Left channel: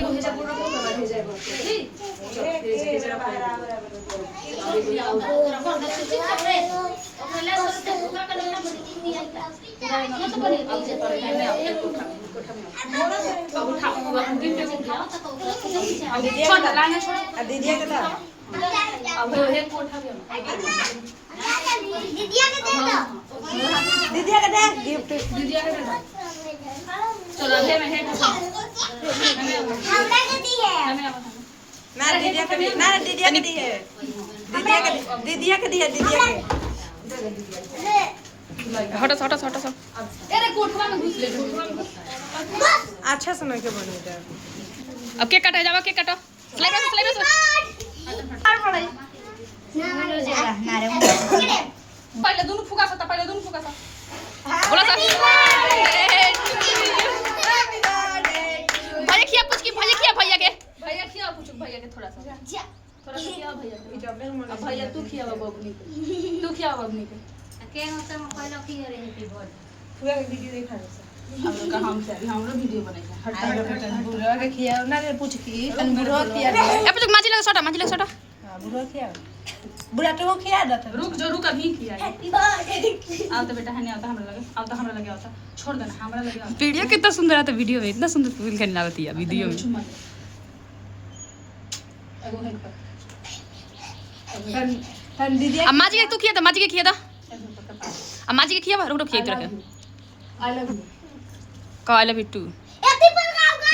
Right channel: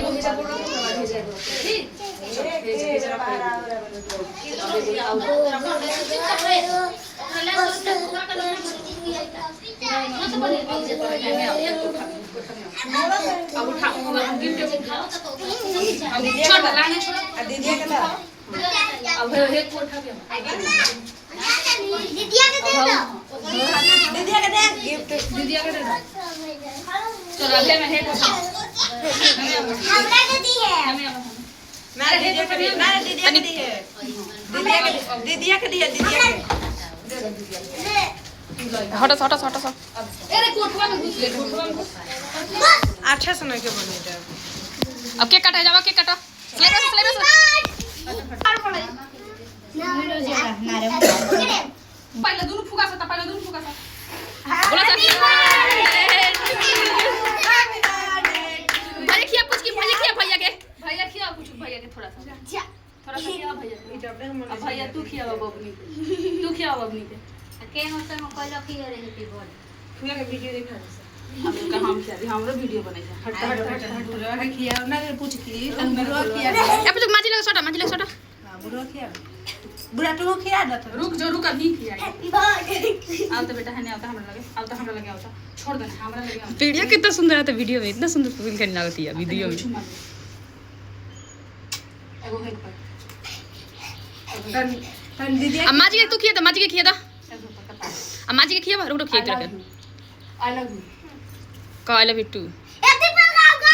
एगो भेजा बोल रखो तो भेजा एगो ठीक भेजा चलो अभी मैं है ना दीदिया के ना दीदिया के दी है दीदिया के दी है दीदिया के हटो हटो हटो सब अरे कोठवा में घुस ले कोठवा में अच्छा समय के बने जा अब केक काटा जावा केक काटा स्लाइडर पहले दोनों फुका सा बोला था भैया खिया पूछ की भैया खिया भैया खिया कुछ भैया के थोड़ा सा खिया भैया अब भैया तू खिया बबनी के तू खिया बबनी के के होता हम कहलो की रे हैप्पी बर्थडे पूरा के वीडियो देखा हम लोग का हम खिया हमरो वीडियो बनाई है हट बुढ़वा के खिया ना पूछ की तन बुढ़वा खिया अब तो माजी लगा सोटा बुढ़वा खिया बुढ़ा तो खिया दत रुक अभी खिया आओ तो बेटा है नहीं आता हमरा लगे आता छोड़ देना हमरा लगे आता वीडियो कितना सुंदर आता वीडियो में इतना सुंदर फील करने लगती है वीडियो में एगो है पर तन दीदी अब माजी के तू खिया था माजी के खिया था अब माजी के खिया रुक खिया इधर आई लव यू का आई लव यू टू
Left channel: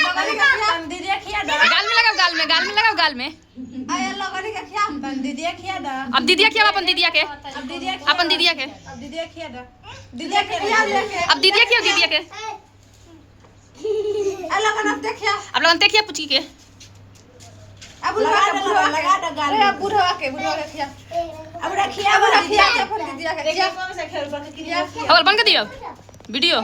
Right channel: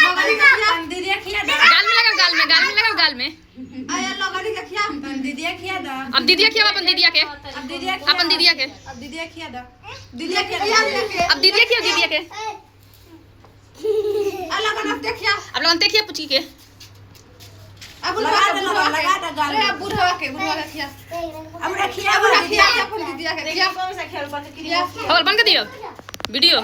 तन दीदी खिया दा गाल में लगाओ गाल में आया लोगनी का खिया तन दीदी खिया दा अब दीदिया खिया अपन दीदिया के अब दीदी अपन दीदिया के अब दीदी खिया दा दीदी खिया अब दीदिया खिया दीदिया के आ लोगन अब देखिया अब लोगन देखिए पूछी के अब लगा दे गाल अरे बुढ़वा के खिया अब रखिया अपन दीदिया के खिया और बंद कर दियो वीडियो